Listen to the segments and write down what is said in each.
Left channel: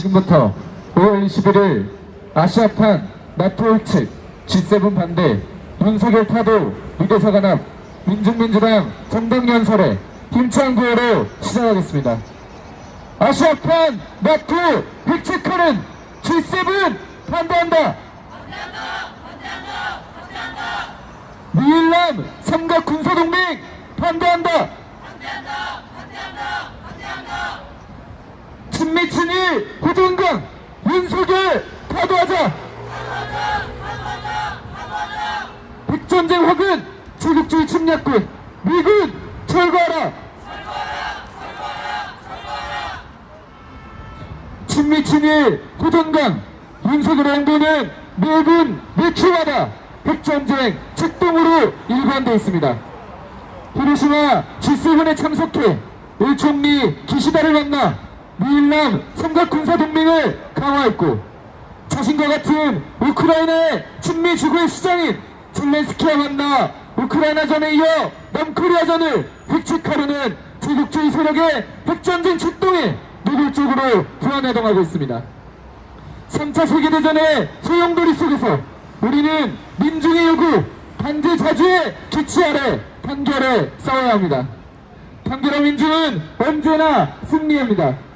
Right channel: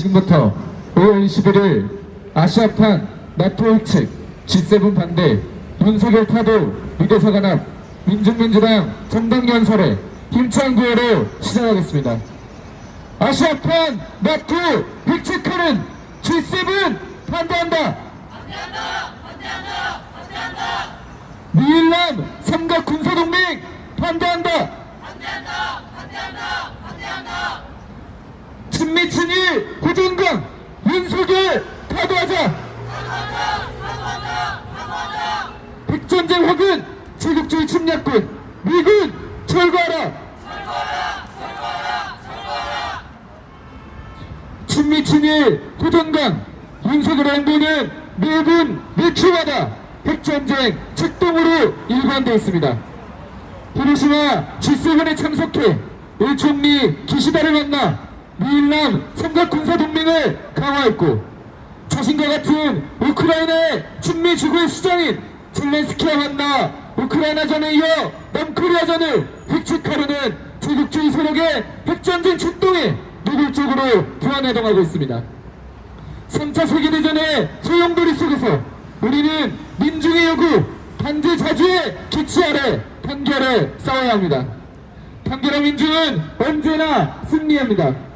지금부터 5월 21일 아시아판 나토 홀측 G7 반대 윤석열 타도 유대사 간합 민중민주당 정당연설에 힘찬 구호로 시작하겠습니다. 아시아판 나토 획책하는 G7 반대한다. 미일남 삼각 군사동맹 반대한다. 친미친이 호전강 윤석열 타도하자. 백전쟁 확은 제국주의 침략군 미군 철거하라. 친미친이 호전강 윤석열의 행보는 미군 매출하다. 백전쟁 책동으로 일관되어 있습니다. 히로시마 G7에 참석해 일총리 기시다를 만나 미일남 삼각군사동맹을 강화했고 자신과 같은 우크라이나의 친미 지구의 수장인 젤렌스키와 만나 우크라이나전에 이어 남코리아전을 획책하려는 제국주의 세력의 핵전쟁 출동에 노골적으로 부안해동하고 있습니다. 3차 세계대전의 소용돌이 속에서 우리는 민중의 요구, 반대 자주의 기치 아래 단결해 싸워야 합니다. 단결한 민중은 언제나 승리합니다.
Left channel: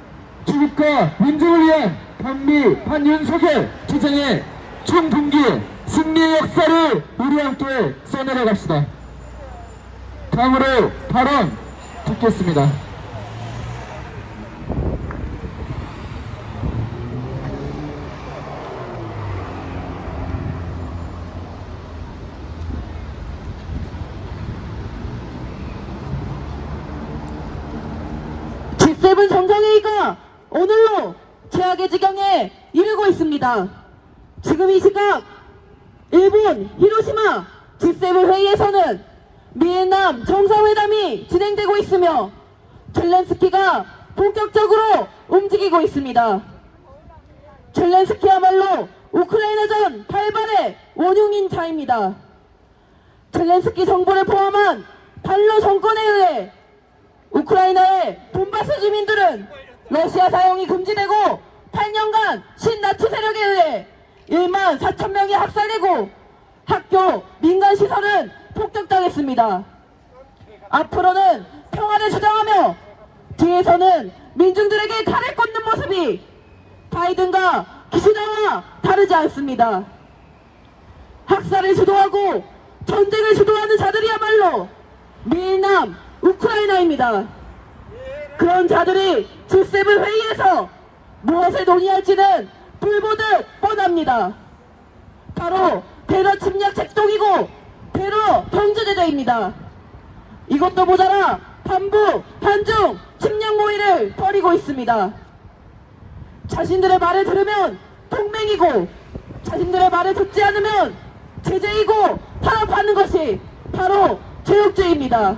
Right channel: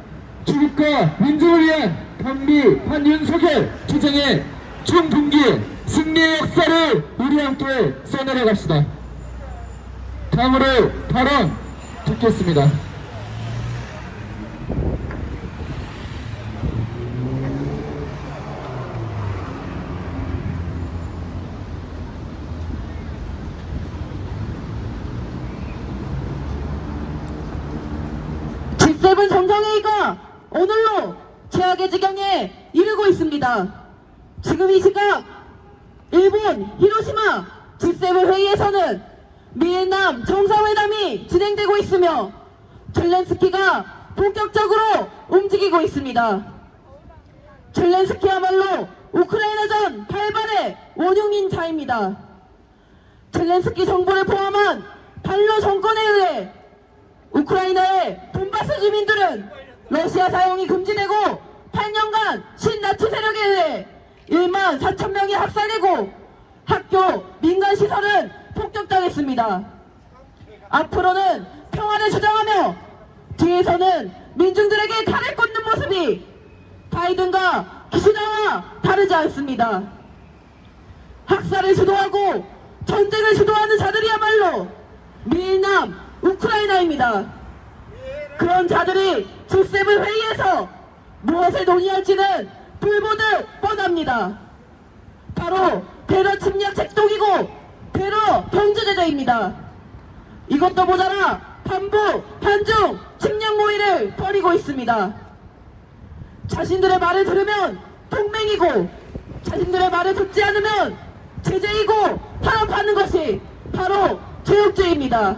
주국과 민중을 위한 반미 반윤석열 투쟁의 총동기에 승리의 역사를 우리 함께 써내려 갑시다. 다음으로 발언 듣겠습니다. G7 정상회의가 오늘로 최악의 지경에 이르고 지금 이 시각 일본 히로시마 G7 회의에서는 미남 정상회담이 진행되고 있으며 젤렌스키가 본격적으로 움직이고 있습니다. 젤렌스키야말로 우크라이나전 발발의 원흉인자입니다. 젤렌스키 정부를 포함한 반러 정권에 의해 우크라이나의 돈바스 주민들은 러시아 사용이 금지되고 8년간 신나치 세력에 의해 1만 4천 명이 학살되고 학교, 민간 시설은 폭격당했습니다. 앞으로는 평화를 주장하며 뒤에서는 민중들에게 칼을 꽂는 모습이 바이든과 기시다와 다르지 않습니다. 학살을 주도하고 전쟁을 주도하는 자들이야말로 미남 우크라이나입니다. 그런 자들이 G7 회의에서 무엇을 동의할지는 불보듯 뻔합니다. 바로 테러 침략 책동이고 테러 경제대대입니다. 이것도 모자라 반부, 반중, 침략 모의를 벌이고 있습니다. 자신들의 말을 들으면 동맹이고 자신들의 말을 듣지 않으면 제재이고 탄압하는 것이 바로 제국주의입니다.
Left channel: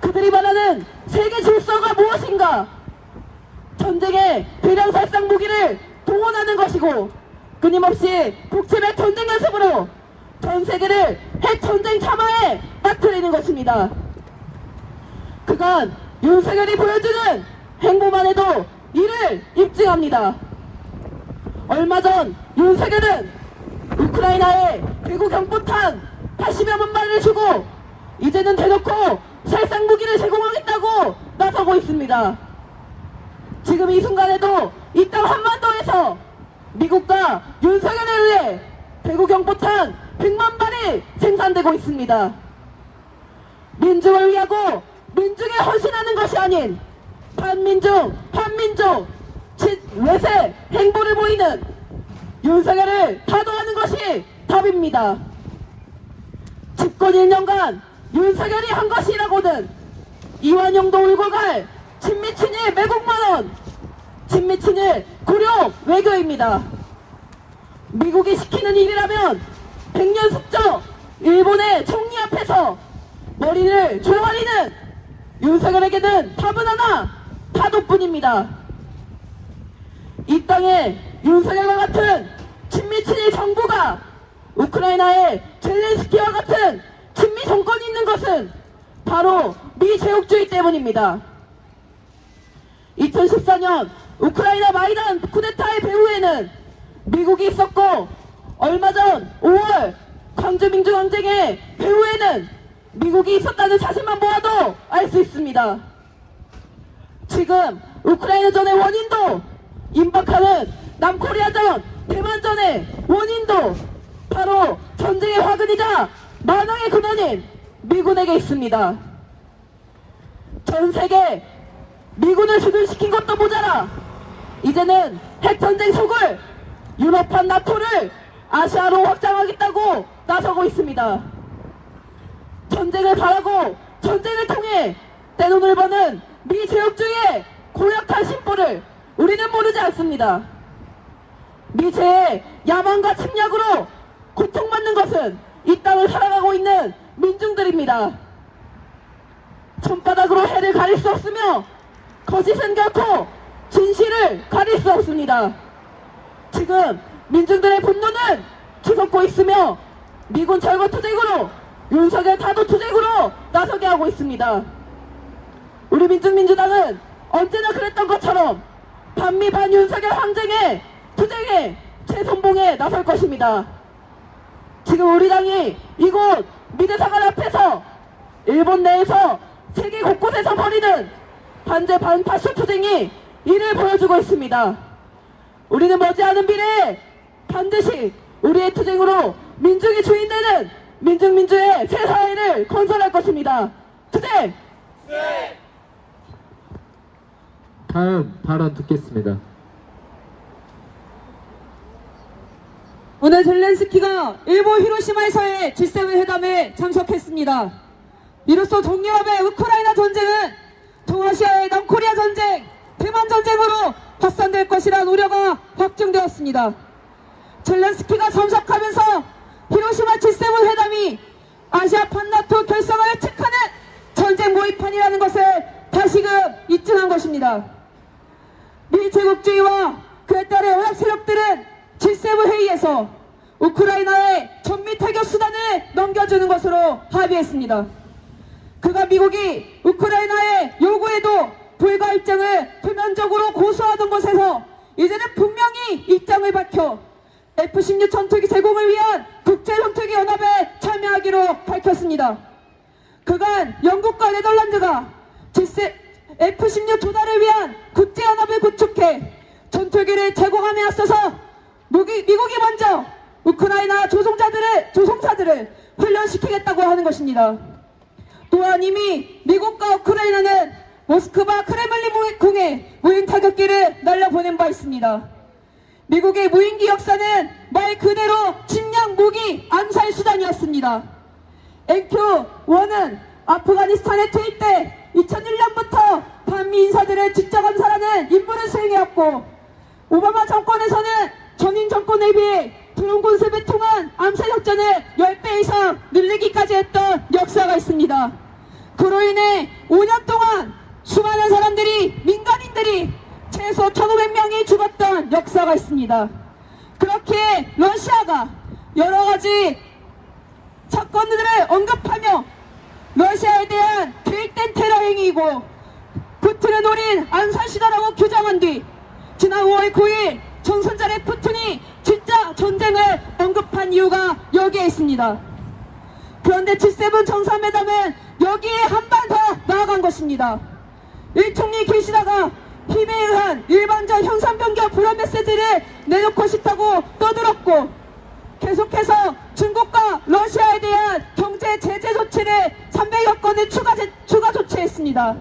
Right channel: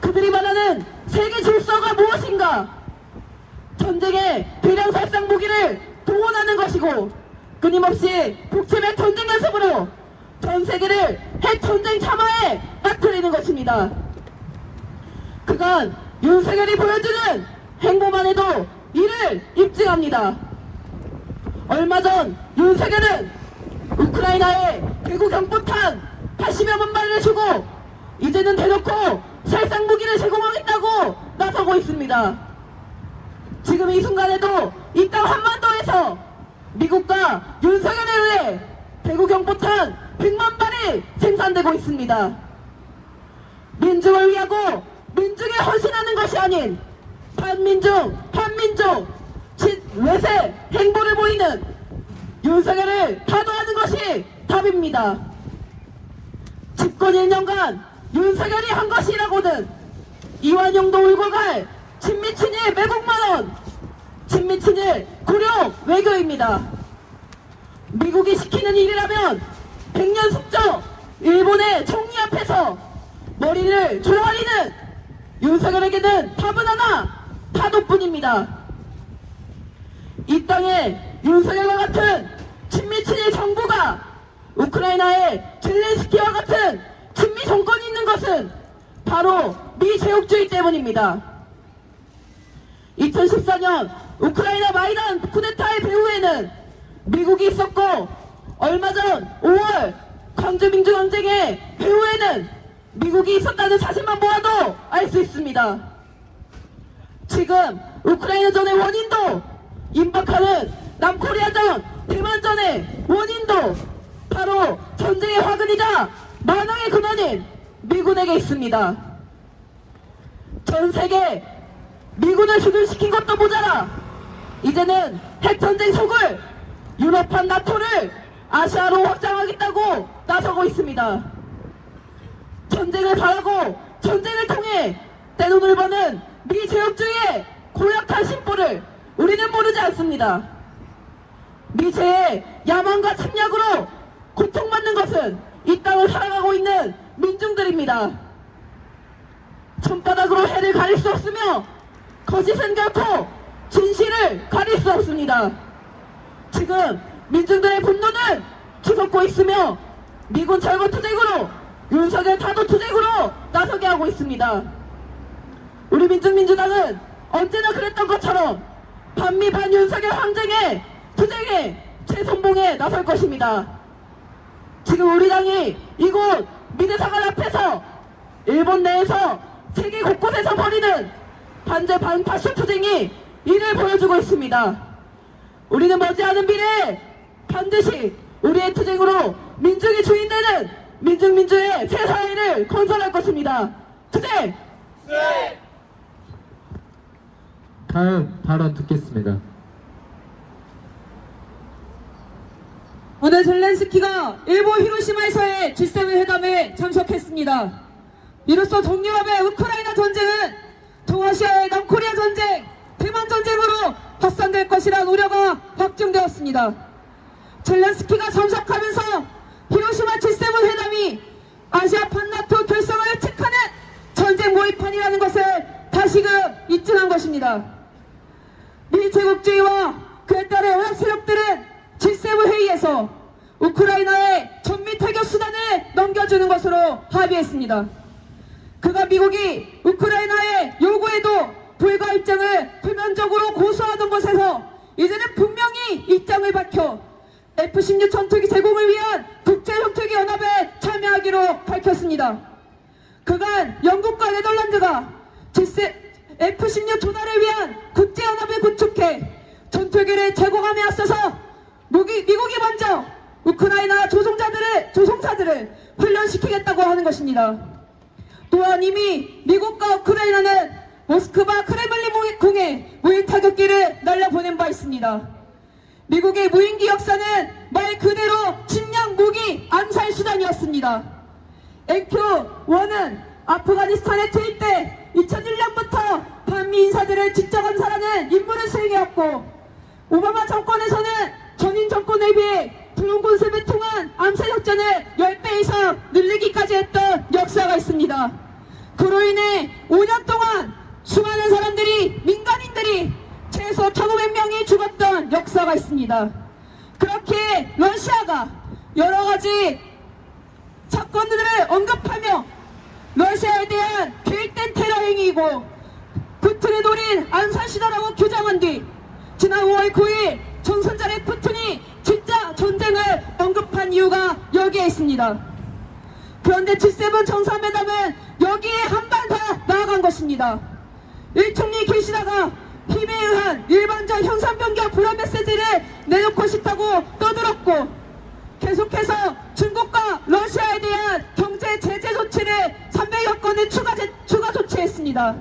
그들이 말하는 세계 질서가 무엇인가? 전쟁에 대량 살상 무기를 동원하는 것이고 끊임없이 북침의 전쟁 연습으로 전 세계를 핵 전쟁 참화에 빠뜨리는 것입니다. 그간 윤석열이 보여주는 행보만 해도 이를 입증합니다. 얼마 전 윤석열은 우크라이나에 대구 경부탄 80여 만 발을 주고 이제는 대놓고 살상 무기를 제공하겠다고 나서고 있습니다. 지금 이 순간에도 이 땅 한반도에서 미국과 윤석열에 의해 대구 경포탄 100만 발이 생산되고 있습니다. 민중을 위하고 민중에 헌신하는 것이 아닌 반민중, 반민족, 진, 외세 행보를 보이는 윤석열을 타도하는 것이 답입니다. 집권 1년간 윤석열이 한 것이라고는 이완용도 울고 갈 친미친일 매국만원 친미친일 고려 외교입니다. 미국이 시키는 일이라면 백년 숙적 일본의 총리 앞에서 머리를 조아리는 윤석열에게는 답은 하나 타도뿐입니다. 이 땅에 윤석열과 같은 친미친일 정부가 우크라이나에 젤렌스키와 같은 친미 정권이 있는 것은 바로 미제국주의 때문입니다. 2014년 우크라이나 마이단 쿠데타의 배후에는 미국이 있었고 얼마 전 5월 광주민주 항쟁의 배후에는 미국이 있었다는 사실만 보아도 알 수 있습니다. 지금 우크라이나 전의 원인도 임박하는 남코리아전 대만전의 원인도 바로 전쟁의 화근이자 만왕의 근원인 미군에게 있습니다. 전 세계 미군을 수준시킨 것도 모자라 이제는 핵전쟁 속을 유럽판 나토를 아시아로 확장하겠다고 나서고 있습니다. 전쟁을 바라고 전쟁을 통해 떼돈을 버는 미 제국주의의 고약한 심보를 우리는 모르지 않습니다. 미제의 야망과 침략으로 고통받는 것은 이 땅을 살아가고 있는 민중들입니다. 손바닥으로 해를 가릴 수 없으며 거짓은 결코 진실을 가릴 수 없습니다. 지금 민중들의 분노는 치솟고 있으며 미군 철거 투쟁으로 윤석열 타도 투쟁으로 나서게 하고 있습니다. 우리 민중민주당은 언제나 그랬던 것처럼 반미 반윤석열 항쟁에 투쟁에 재선봉에 나설 것입니다. 지금 우리 당이 이곳 미대사관 앞에서 일본 내에서 세계 곳곳에서 벌이는 반제 반파쇼 투쟁이 이를 보여주고 있습니다. 우리는 머지않은 미래에 반드시 우리의 투쟁으로 민중이 주인되는 민중민주의 새 사회를 건설할 것입니다. 투쟁! 다음 발언 듣겠습니다. 오늘 젤렌스키가 일본 히로시마에서의 G7 회담에 참석했습니다. 이로써 동유럽의 우크라이나 전쟁은 동아시아의 남코리아 전쟁, 대만 전쟁으로 확산될 것이라는 우려가 확증되었습니다. 젤렌스키가 참석하면서 히로시마 G7 회담이 아시아 판나토 결성을 예측하는 전쟁 모의판이라는 것을 다시금 입증한 것입니다. 미 제국주의와 그에 따른 연합 세력들은 G7 회의에서 우크라이나의 전미 타격 수단을 넘겨주는 것으로 합의했습니다. 그가 미국이 우크라이나의 요구에도 불가 입장을 표면적으로 고수하던 곳에서 이제는 분명히 입장을 밝혀 F-16 전투기 제공을 위한 국제 전투기 연합에 참여하기로 밝혔습니다. 그간 영국과 네덜란드가 G7 F-16 조달을 위한 국제연합을 구축해 전투기를 제공함에 앞서서 미국이, 먼저 우크라이나 조종자들을, 조종사들을 훈련시키겠다고 하는 것입니다. 또한 이미 미국과 우크라이나는 모스크바 크레물린 궁에 무인 타격기를 날려보낸 바 있습니다. 미국의 무인기 역사는 말 그대로 침략 무기 암살 수단이었습니다. NQ-1은 아프가니스탄에 투입돼 2001년부터 반미 인사들을 직접 암살하는 임무를 수행해왔고 오바마 정권에서는 전인 정권에 비해 드론 군습을 통한 암살 작전을 10배 이상 늘리기까지 했던 역사가 있습니다. 그로 인해 5년 동안 수많은 사람들이 민간인들이 최소 1,500명이 죽었던 역사가 있습니다. 그렇게 러시아가 여러 가지 사건들을 언급하며 러시아에 대한 계획된 테러 행위이고 푸틴을 노린 암살 시도라고 규정한 뒤 지난 5월 9일 전선전의 푸틴이 진짜 전쟁을 언급한 이유가 여기에 있습니다. 그런데 G7 정상회담은 여기에 한 발 더 나아간 것입니다. 일총리 계시다가 힘에 의한 일반적 현상 변경 불안 메시지를 내놓고 싶다고 떠들었고 계속해서 중국과 러시아에 대한 경제 제재 조치를 300여 건을 추가, 제- 추가 조치했습니다.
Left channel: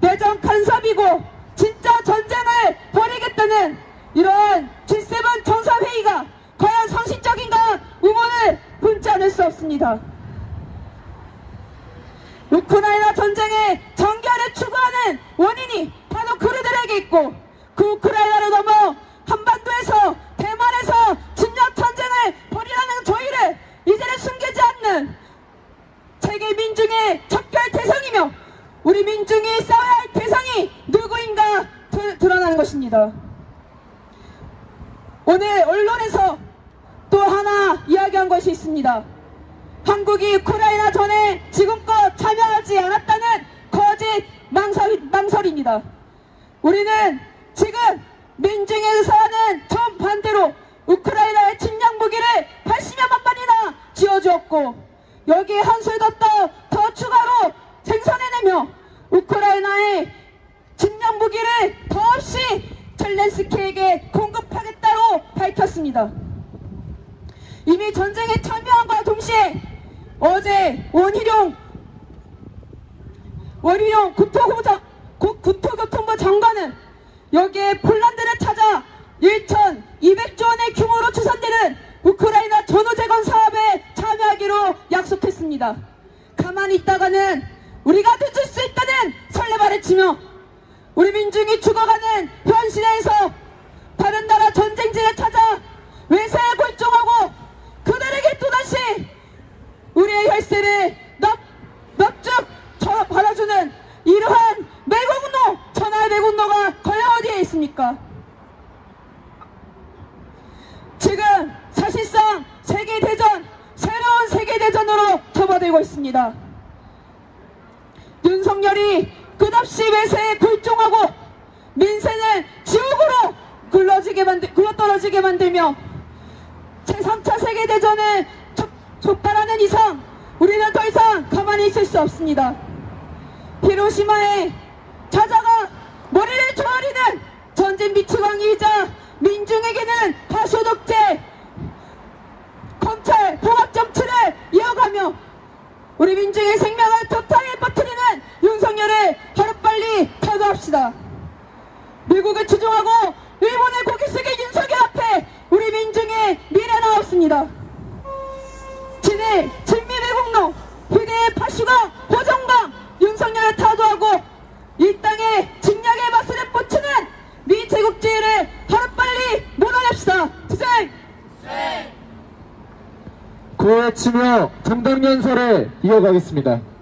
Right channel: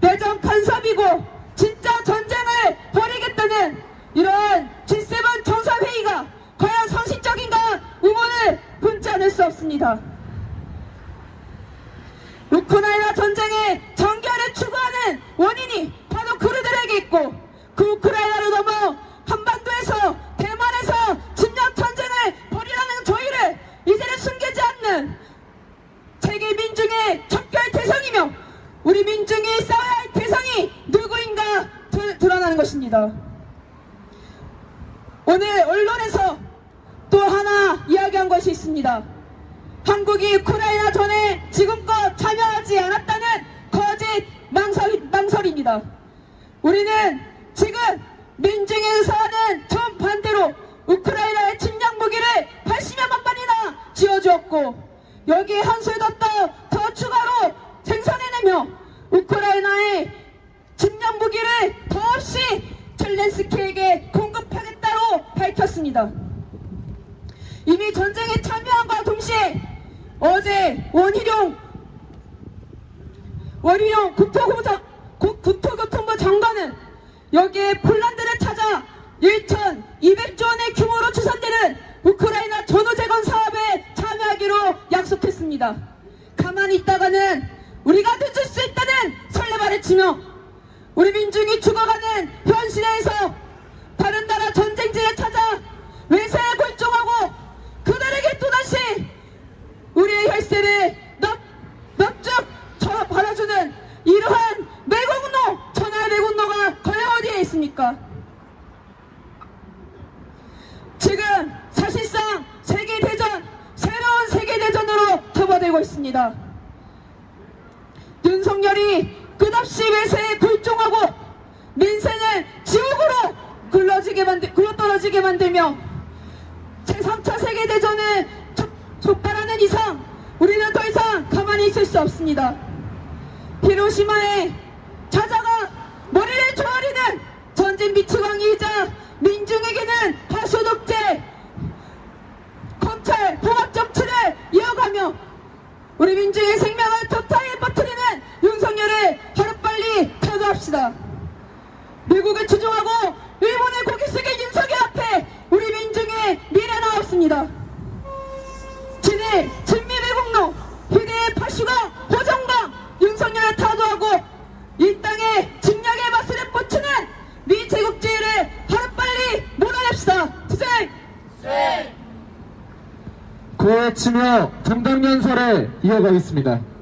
내정 간섭이고 진짜 전쟁을 벌이겠다는 이러한 G7 정상회의가 과연 상식적인가 의문을 품지 않을 수 없습니다. 우크라이나 전쟁의 전결을 추구하는 원인이 바로 그들에게 있고 그 우크라이나를 넘어 한반도에서 대만에서 침략 전쟁을 벌이라는 저희를 이제는 숨기지 않는 세계 민중의 척결 대상이며 우리 민중이 싸워야 할 대상이 누구인가 드- 드러나는 것입니다. 오늘 언론에서 또 하나 이야기한 것이 있습니다. 한국이 우크라이나 전에 지금껏 참여하지 않았다는 거짓 망설, 망설입니다. 우리는 지금 민중의 의사와는 정반대로 우크라이나의 침략 무기를 80여만 발이나 지어주었고 여기에 한술 더 더, 더 추가로 생산해내며 우크라이나의 침략 무기를 더없이 젤렌스키에게 공급하겠다고 밝혔습니다. 이미 전쟁에 참여함과 동시에 어제 원희룡 원희룡 국토고장, 국- 국토교통부 장관은 여기에 폴란드를 찾아 1,200조 원의 규모로 추산되는 우크라이나 전후재건 사업에 참여하기로 약속했습니다. 가만히 있다가는 우리가 늦을 수 있다는 설레발을 치며 우리 민중이 죽어가는 현실에서 다른 나라 전쟁지에 찾아 외세에 골종하고 그들에게 또다시 우리의 혈세를 넉, 넉죽 저 벌어주는 이러한 매국노, 천하의 매국노가 과연 어디에 있습니까? 지금 사실상 세계대전, 새로운 세계대전으로 접어들고 있습니다. 윤석열이 끝없이 외세에 굴종하고 민생을 지옥으로 굴러지게 만들, 굴러떨어지게 만들며 제3차 세계대전을 촉- 촉발하는 이상 우리는 더 이상 가만히 있을 수 없습니다. 히로시마에 찾아가 머리를 조아리는 전쟁 미추강이자 민중에게는 다시 독재 검찰 봉합 정치를 이어가며 우리 민중의 생명을 토탈히 퍼뜨리는 윤석열을 하루빨리 타도 합시다. 미국을 추종하고 일본의 고개 숙인 윤석열 앞에 우리 민중의 미래가 없습니다. 진의 진미래공로 희대의 파수가 호정당 윤석열을 타도하고 이 땅의 진약의 맛을 뻗치는 미 제국주의를 하루빨리 몰아냅시다. 투쟁! 고해치며 정당연설을 이어가겠습니다.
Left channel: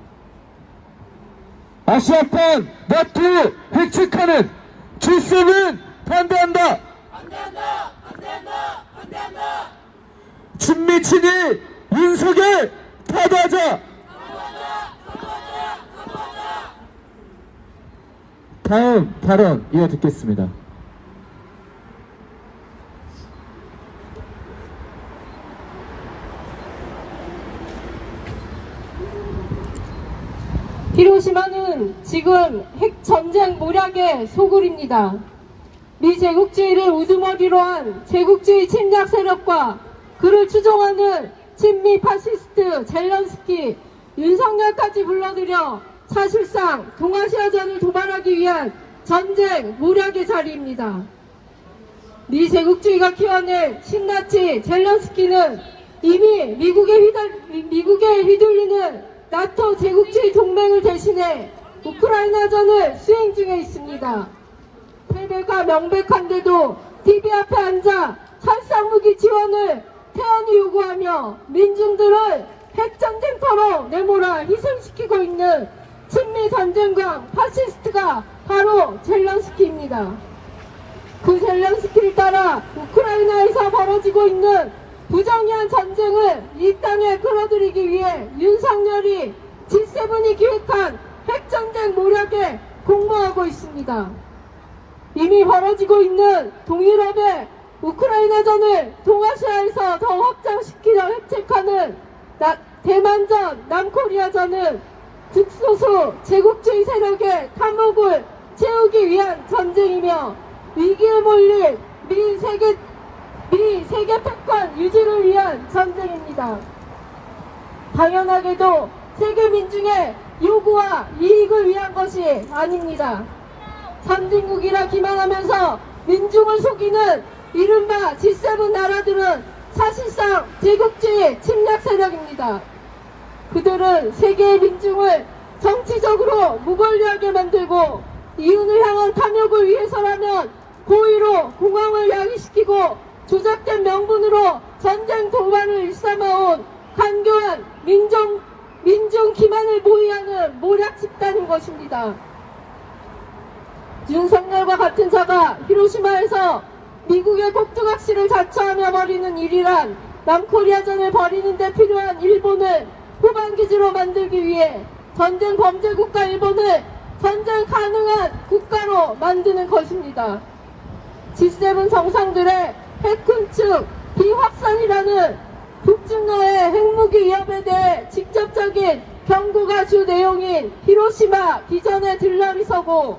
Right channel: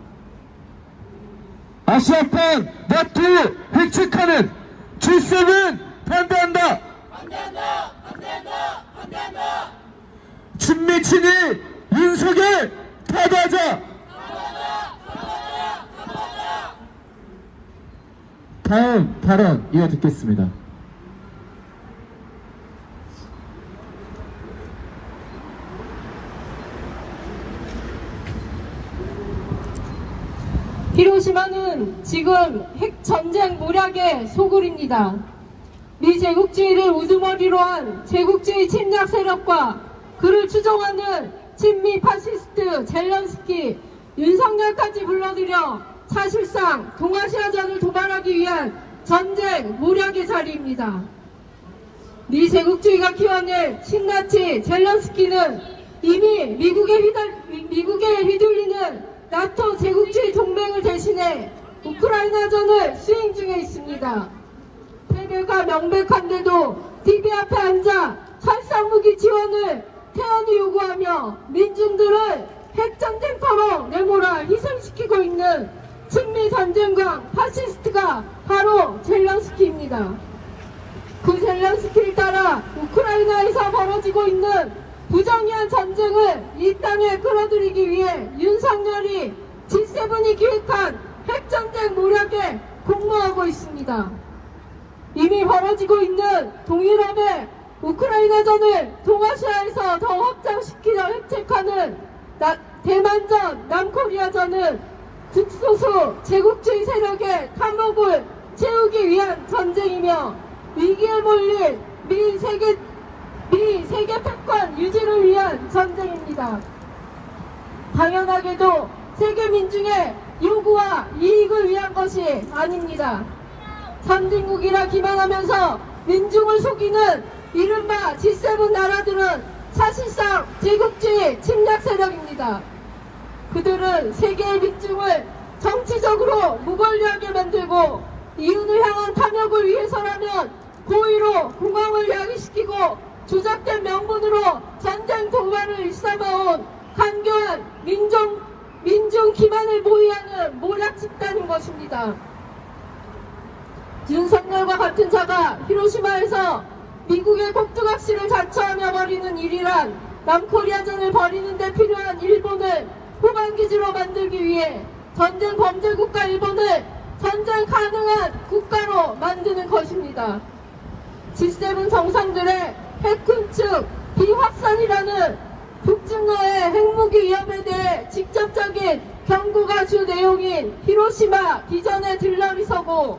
아시아판 나토 획책하는 G7 반대한다. 반대한다. 반대한다. 반대한다. 중미친이 윤석열 타도하자. 다음 발언 이어 듣겠습니다. 히로시마는 지금 핵 전쟁 모략의 소굴입니다. 미 제국주의를 우두머리로 한 제국주의 침략 세력과 그를 추종하는 친미 파시스트 젤런스키, 윤석열까지 불러들여 사실상 동아시아전을 도발하기 위한 전쟁 모략의 자리입니다. 미 제국주의가 키워낸 신나치 젤런스키는 이미 미국에, 휘달, 미국에 휘둘리는 나토 제국주의 동맹을 대신해 우크라이나전을 수행 중에 있습니다. 패배가 명백한데도 TV 앞에 앉아 살상무기 지원을 태연히 요구하며 민중들을 핵전쟁터로 내몰아 희생시키고 있는 친미 전쟁과 파시스트가 바로 젤런스키입니다. 그 젤렌스키를 따라 우크라이나에서 벌어지고 있는 부정의한 전쟁을 이 땅에 끌어들이기 위해 윤석열이 G7이 기획한 핵전쟁 모략에 공모하고 있습니다. 이미 벌어지고 있는 동유럽의 우크라이나전을 동아시아에서 더 확장시키려 획책하는 나- 대만전, 남코리아전은 국소수 제국주의 세력의 탐욕을 채우기 위한 전쟁이며 위기에 몰릴 미 세계 미 세계 패권 유지를 위한 전쟁입니다. 당연하게도 세계 민중의 요구와 이익을 위한 것이 아닙니다. 선진국이라 기만하면서 민중을 속이는 이른바 G7 나라들은 사실상 제국주의 침략 세력입니다. 그들은 세계의 민중을 정치적으로 무권리하게 만들고 이윤을 향한 탐욕을 위해서라면 고의로 공황을 야기시키고 조작된 명분으로 전쟁 도발을 일삼아온 한교한 민중, 민중 기만을 모의하는 모략 집단인 것입니다. 윤석열과 같은 자가 히로시마에서 미국의 꼭두각시를 자처하며 벌이는 일이란 남코리아전을 벌이는 데 필요한 일본을 후방기지로 만들기 위해 전쟁 범죄국가 일본을 전쟁 가능한 국가로 만드는 것입니다. G7 정상들의 핵 군축 비확산이라는 북중러의 핵무기 위협에 대해 직접적인 경고가 주 내용인 히로시마 비전에 들러리 서고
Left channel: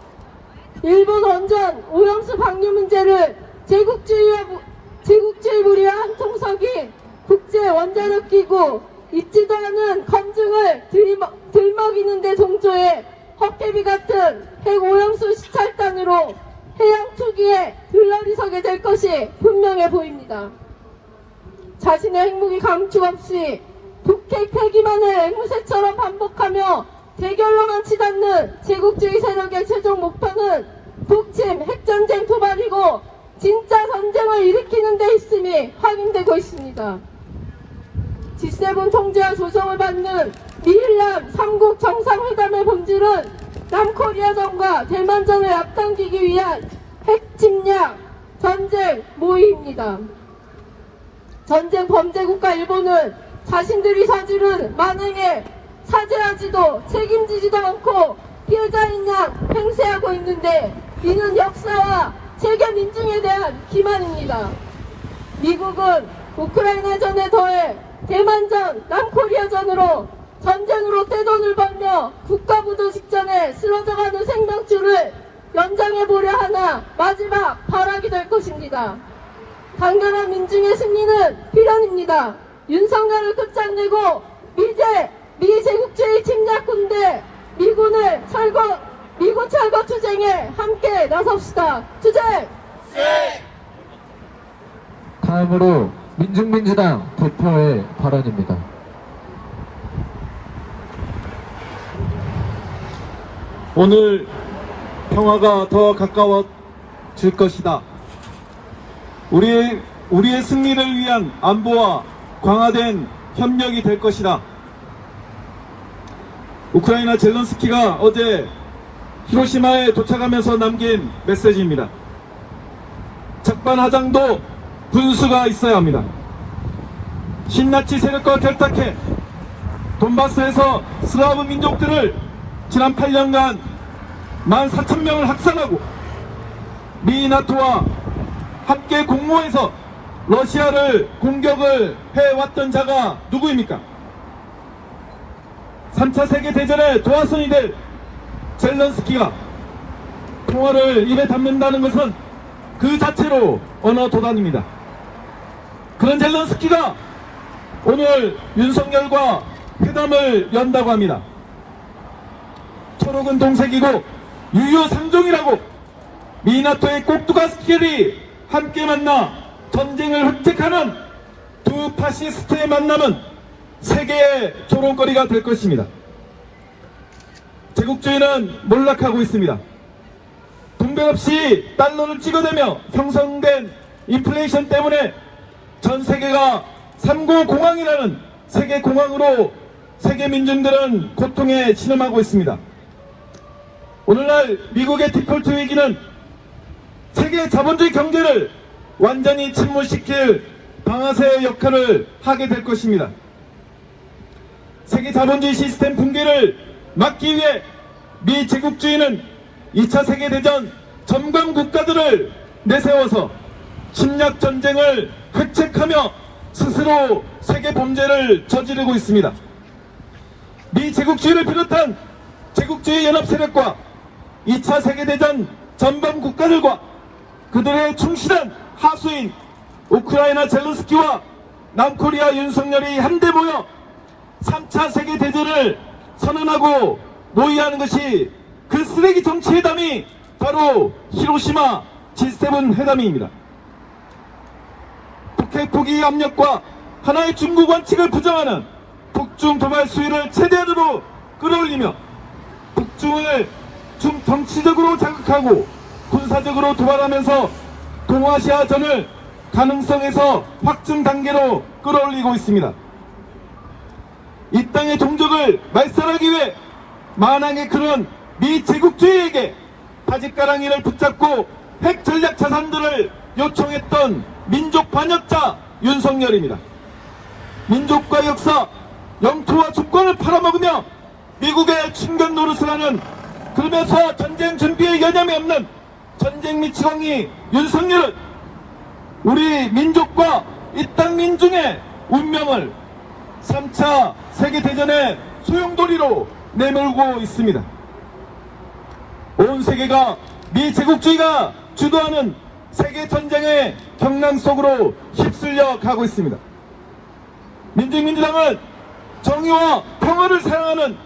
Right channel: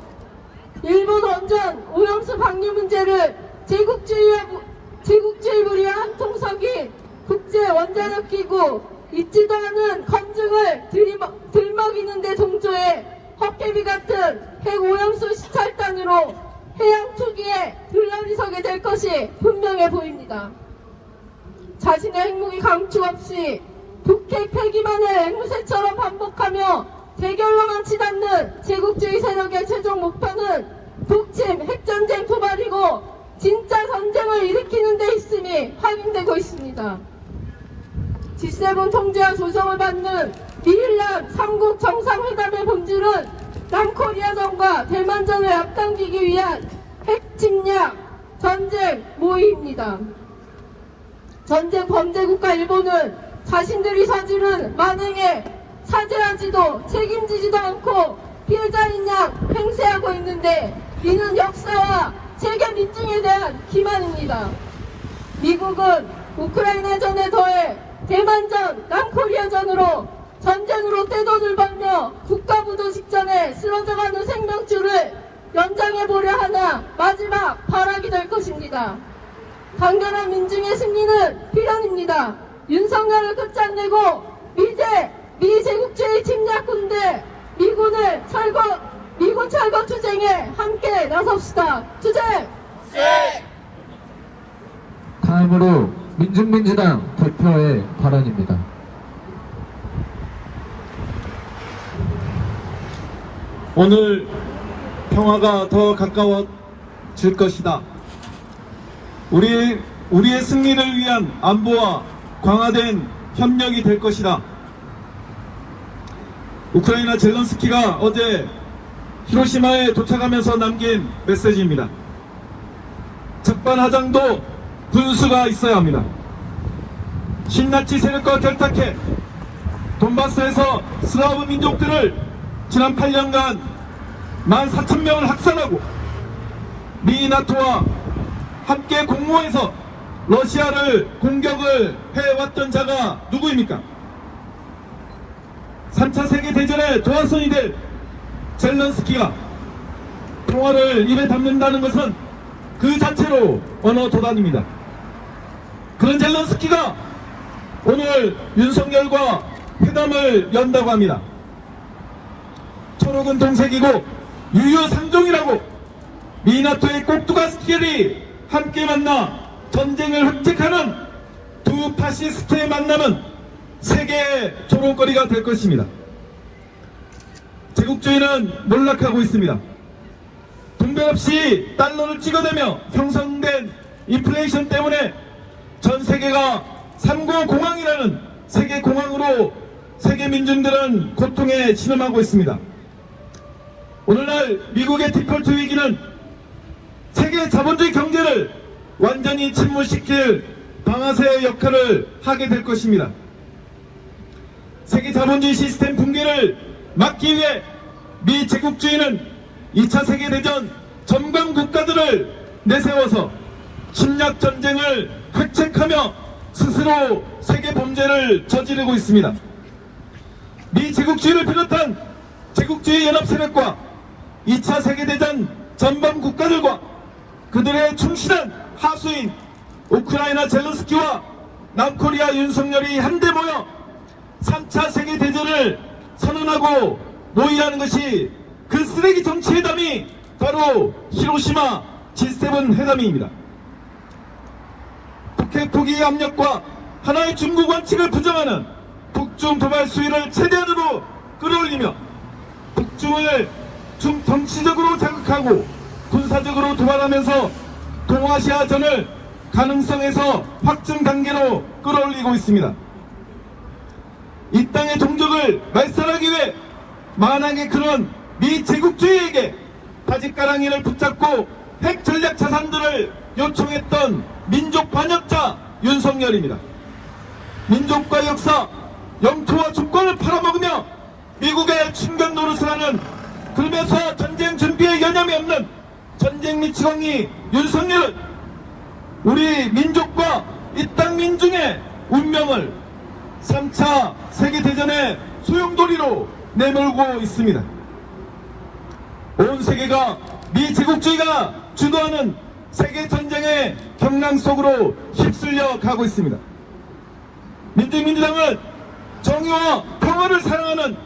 일본 원전 오염수 방류 문제를 제국주의와 무- 제국주의 무리와 한통속인 국제 원자력 기구 있지도 않은 검증을 들이먹, 들먹이는 데 동조해 헛개비 같은 핵 오염수 시찰단으로 해양 투기에 들러리 서게 될 것이 분명해 보입니다. 자신의 핵무기 감축 없이 북핵 폐기만을 앵무새처럼 반복하며 대결로만 치닫는 제국주의 세력의 최종 목표는 북침 핵전쟁 도발이고 진짜 전쟁을 일으키는 데 있음이 확인되고 있습니다. G7 통제와 조정을 받는 미일란 3국 정상회담의 본질은 남코리아전과 대만전을 앞당기기 위한 핵침략 전쟁 모의입니다. 전쟁 범죄 국가 일본은 자신들이 저지른 만행에 사죄하지도 책임지지도 않고 피해자인 양 횡세하고 있는데 이는 역사와 세계 민중에 대한 기만입니다. 미국은 우크라이나전에 더해 대만전, 남코리아전으로 전쟁으로 떼돈을 벌며 국가부도 직전에 쓰러져가는 생명줄을 연장해보려 하나 마지막 발악이 될 것입니다. 강렬한 민중의 승리는 필연입니다. 윤석열을 끝장내고 미제 미제국주의 침략군대 미군을 철거 미군 철거 투쟁에 함께 나섭시다. 투쟁! 다음으로 민중민주당 대표의 발언입니다. 오늘 평화가 더 가까워질 것이다. 우리, 우리의 승리를 위한 안보와 강화된 협력이 될 것이다. 우크라이나 젤런스키가 어제 히로시마에 도착하면서 남긴 메시지입니다. 적반하장도 분수가 있어야 합니다. 신나치 세력과 결탁해 돈바스에서 슬라브 민족들을 지난 8년간 14,000명을 학살하고 미 나토와 함께 공모해서 러시아를 공격을 해왔던 자가 누구입니까? 3차 세계대전의 도화선이 될 젤런스키가 평화를 입에 담는다는 것은 그 자체로 언어 도단입니다. 그런 젤런스키가 오늘 윤석열과 회담을 연다고 합니다. 초록은 동색이고 유효상종이라고 미나토의 꼭두가스끼리 함께 만나 전쟁을 획책하는 두 파시스트의 만남은 세계의 조롱거리가 될 것입니다. 제국주의는 몰락하고 있습니다. 분배 없이 달러를 찍어대며 형성된 인플레이션 때문에 전 세계가 3고 공황이라는 세계 공황으로 세계 민중들은 고통에 신음하고 있습니다. 오늘날 미국의 디폴트 위기는 세계 자본주의 경제를 완전히 침몰시킬 방아쇠의 역할을 하게 될 것입니다. 세계 자본주의 시스템 붕괴를 막기 위해 미 제국주의는 2차 세계대전 전방 국가들을 내세워서 침략 전쟁을 획책하며 스스로 세계 범죄를 저지르고 있습니다. 미 제국주의를 비롯한 제국주의 연합 세력과 2차 세계대전 전범 국가들과 그들의 충실한 하수인 우크라이나 젤런스키와 남코리아 윤석열이 한데 모여 3차 세계대전을 선언하고 모의하는 것이 그 쓰레기 정치 회담이 바로 히로시마 G7 회담입니다. 북핵 포기 압력과 하나의 중국 원칙을 부정하는 북중 도발 수위를 최대한으로 끌어올리며 북중을 중 정치적으로 자극하고 군사적으로 도발하면서 동아시아전을 가능성에서 확증 단계로 끌어올리고 있습니다. 이 땅의 종족을 말살하기 위해 만왕의 그런 미 제국주의에게 바짓가랑이를 붙잡고 핵 전략 자산들을 요청했던 민족 반역자 윤석열입니다. 민족과 역사, 영토와 주권을 팔아먹으며 미국의 충격 노릇을 하는 그러면서 전쟁 준비에 여념이 없는 전쟁 미치광이 윤석열은 우리 민족과 이 땅 민중의 운명을 3차 세계대전의 소용돌이로 내몰고 있습니다. 온 세계가 미 제국주의가 주도하는 세계전쟁의 경랑 속으로 휩쓸려 가고 있습니다. 민주민주당은 정의와 평화를 사랑하는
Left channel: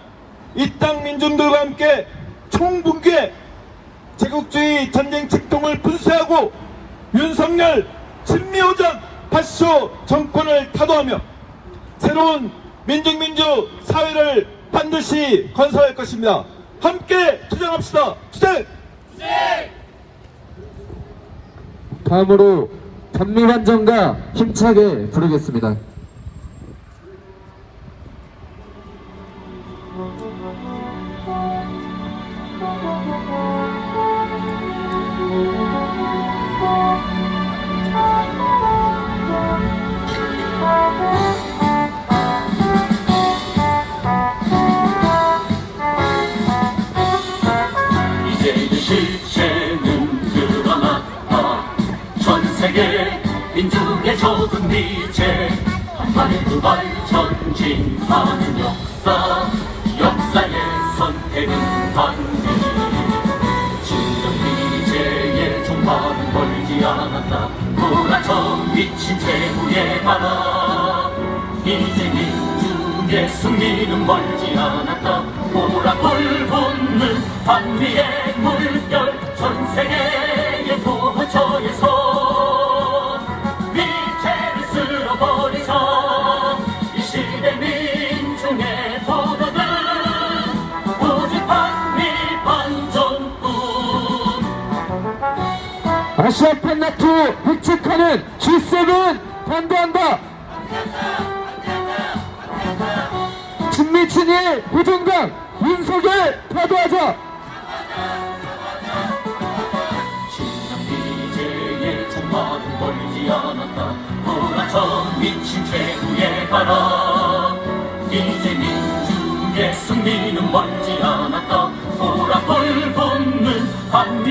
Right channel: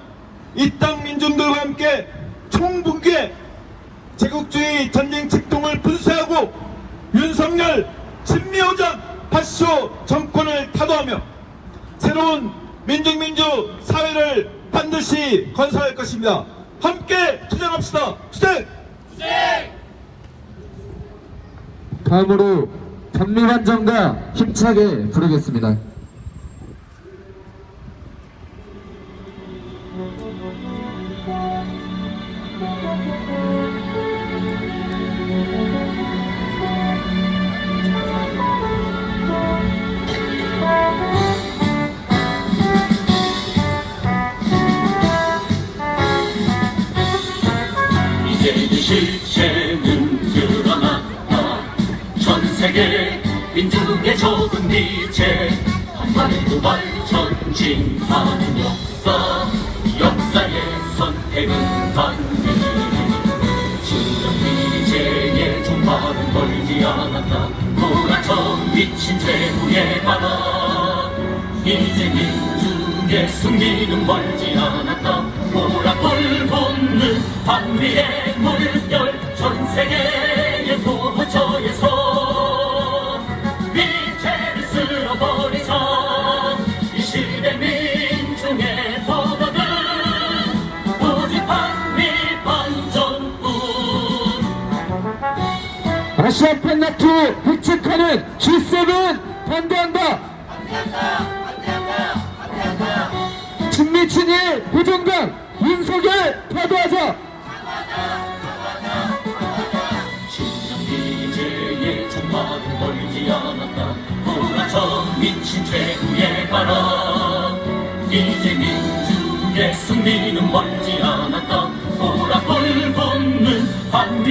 이 땅 민중들과 함께 총붕괴 제국주의 전쟁 직동을 분쇄하고 윤석열 친미오전 다시쇼 정권을 타도하며 새로운 민중민주 사회를 반드시 건설할 것입니다. 함께 투쟁합시다. 투쟁! 다음으로 단미반전과 힘차게 부르겠습니다. 전진하는 역사 역사의 선택은 단기 지금 미제의 종말은 멀지 않았다. 돌아쳐 미친 최후의 바다. 이제 민중의 승리는 멀지 않았다. 보라 불 붙는 반미의 획책하는 G7 반대한다. 친미 친일 후종강 윤석열 타도하자. 미친 최후의 바람 이제 민중의 승리는 멀지 않았다 보라불 붙는 한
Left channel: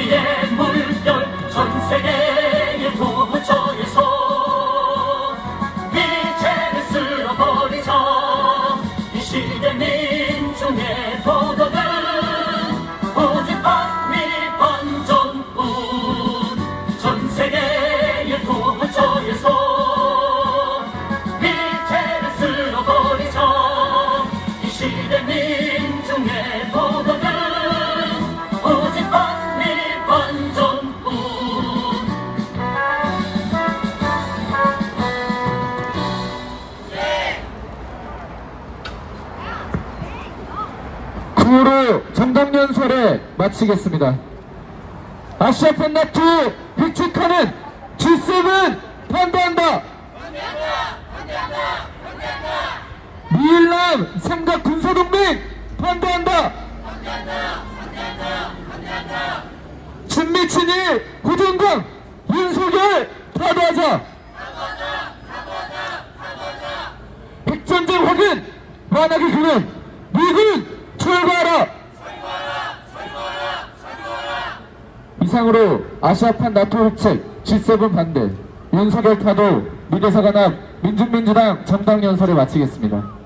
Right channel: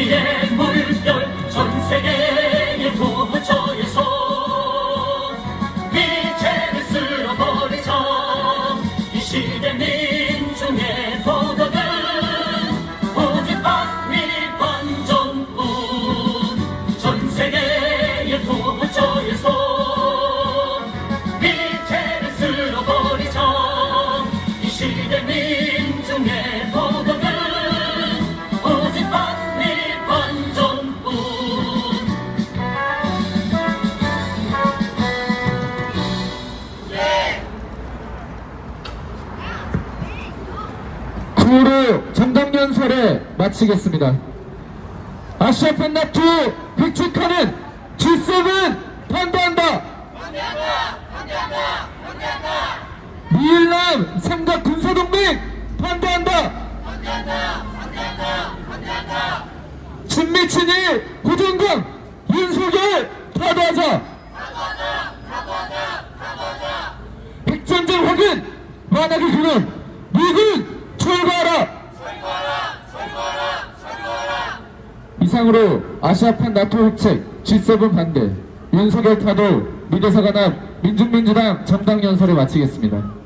구호로 정당연설에 마치겠습니다. 아시아판 나토 획책하는 G7 반대한다. 미일남 삼각 군사동맹 반대한다. 친미 친일 후종강 윤석열 타도하자. 핵전쟁 확인 만약에 그는 미군 철거하라. 이상으로 아시아판 나토 획책 G7 반대 윤석열 타도 미대사관 앞 민중민주당 정당 연설을 마치겠습니다.